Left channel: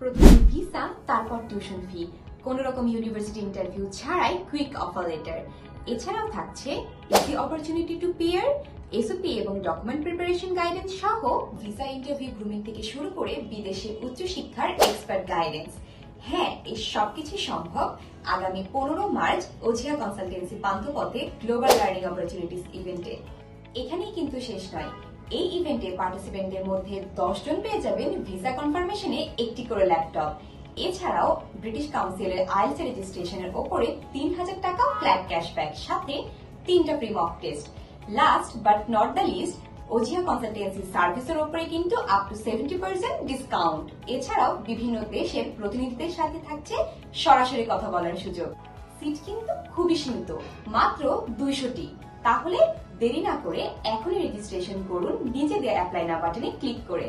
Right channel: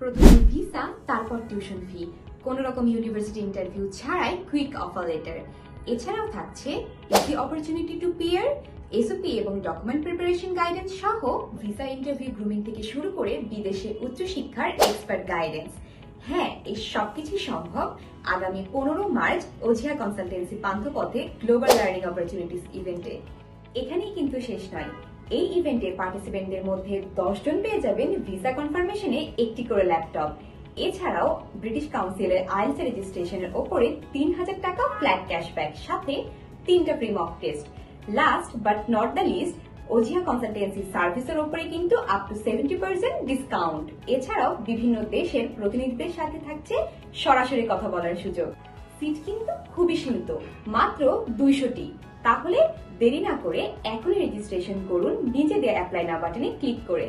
প্রথমে ভিসা, তারপর tuition fee, কোন রকম ইউনিভার্সিটি ইন্টারভিউ ছাড়াই কুইক অফার লেটার। এছাড়াও থাকছে easy opportunity to peer, SOP এবং ডকুমেন্ট প্রিপারেশন গাইডেন্স সহ ভিসা ইন্টারভিউ গ্রুমিং থেকে শুরু করে বিদেশে উচ্চশিক্ষার এক্সপার্ট গাইডেন্স। হ্যাঁ, এই সবকিছু সম্ভব আগামী 15 মার্চ ওঝিয়া কনসালটেন্সি পান্থপথে গ্লোবাল লার্নিং অপরচুনিটিস ইভেন্টে। এখানেই কিন্তু শেষ নয়, এই ইভেন্টে পার্টিসিপেন্টদের মধ্যে 10 জন পেয়ে যাবেন ভিসা কনফার্মেশনে একটি করে ল্যাপটপ। এছাড়াও ব্রিটিশ কাউন্সিলের আইএলটিএস রেজিস্ট্রেশনের ওপরে 3000 টাকা ফ্ল্যাট ক্যাশব্যাক, সাথে 3টা free mock test. Last but not the least, Ojhiya consultancy সার্ভিসের উপরে কিন্তু আপ টু 70% ডিসকাউন্ট। এছাড়াও বিভিন্ন দেশের প্রতিনিধিদের সাথে থাকছে সরাসরি কথা বলার সুযোগ। সিট কিন্তু খুবই সীমিত, মাত্র 200টি। তাহলে দেরি না করে এখনই রেজিস্ট্রেশন করুন নিজেদের অ্যাপ্লাই নাও বাটনে ক্লিক করে।